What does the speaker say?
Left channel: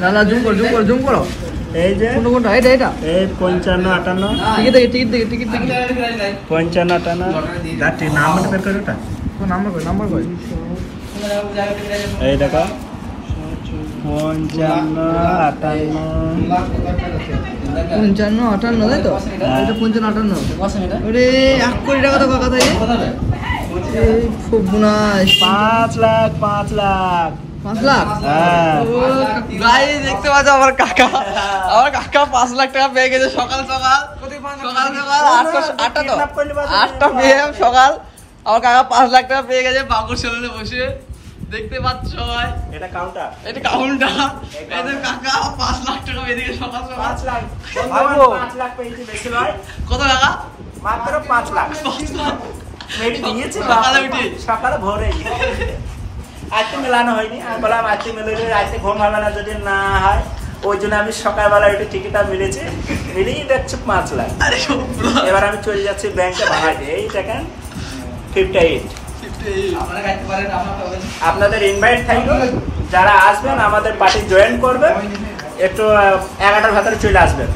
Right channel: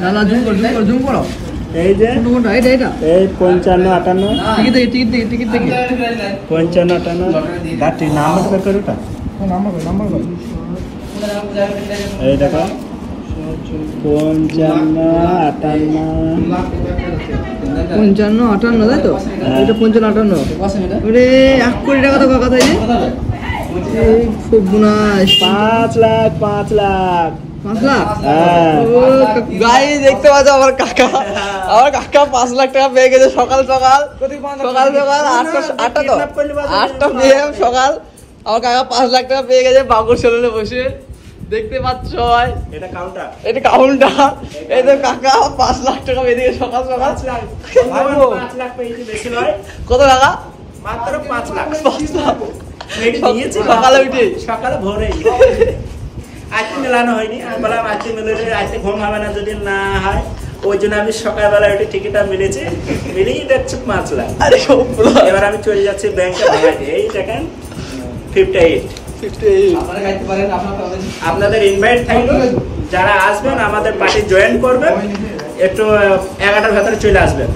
না না জুম করো এই যে কোনটা এটা এই 55 58 টিকিট দেখি 55 58 দাঁড়ি নাম্বার বের করো ওটা নাম্বার কই এই দেখো 55 58 তাই তো এটা 55 58 ওরে 1 কোটি টাকা তো কথা এই খুব গুনাশ 5 লাখ 5 লাখ হ্যাঁ ও গাইস দেখতে পাচ্ছ আমার কাকা 5 লাখ টাকা পেয়ে গেছে সকাল 8টা PM সকাল আমার কাকা 5 লাখ টাকা পেয়ে গেছে বাগুর সেলুনে বসে দেখতে পাচ্ছ এটা কাউন্টার এই যে কাকা 5 লাখ টাকা পেয়ে গেছে সকাল 5 লাখ পেয়েছি বেশি নয় কত টাকা মাত্র 5 লাখ সকালে ভোরে আজকে মেলানো হয়নি আমি বললাম আজকে মেলালে আজকে ঘুম হবে না যদি না হয় ওই জন্য আমি সকালবেলা ওইটা টিকিটটা মিলেছি মিলিয়ে যাচ্ছে 5 লাখ এবার আমি চলে যাচ্ছি ব্যাংকে ভাড়াতে এই দেখেন 58 আপনাদের ইনভাইট থাকলো যারা আসবেন আমাদের পার্টি জয়েন করবেন একটু 11টার ভেতরে চলে আসবেন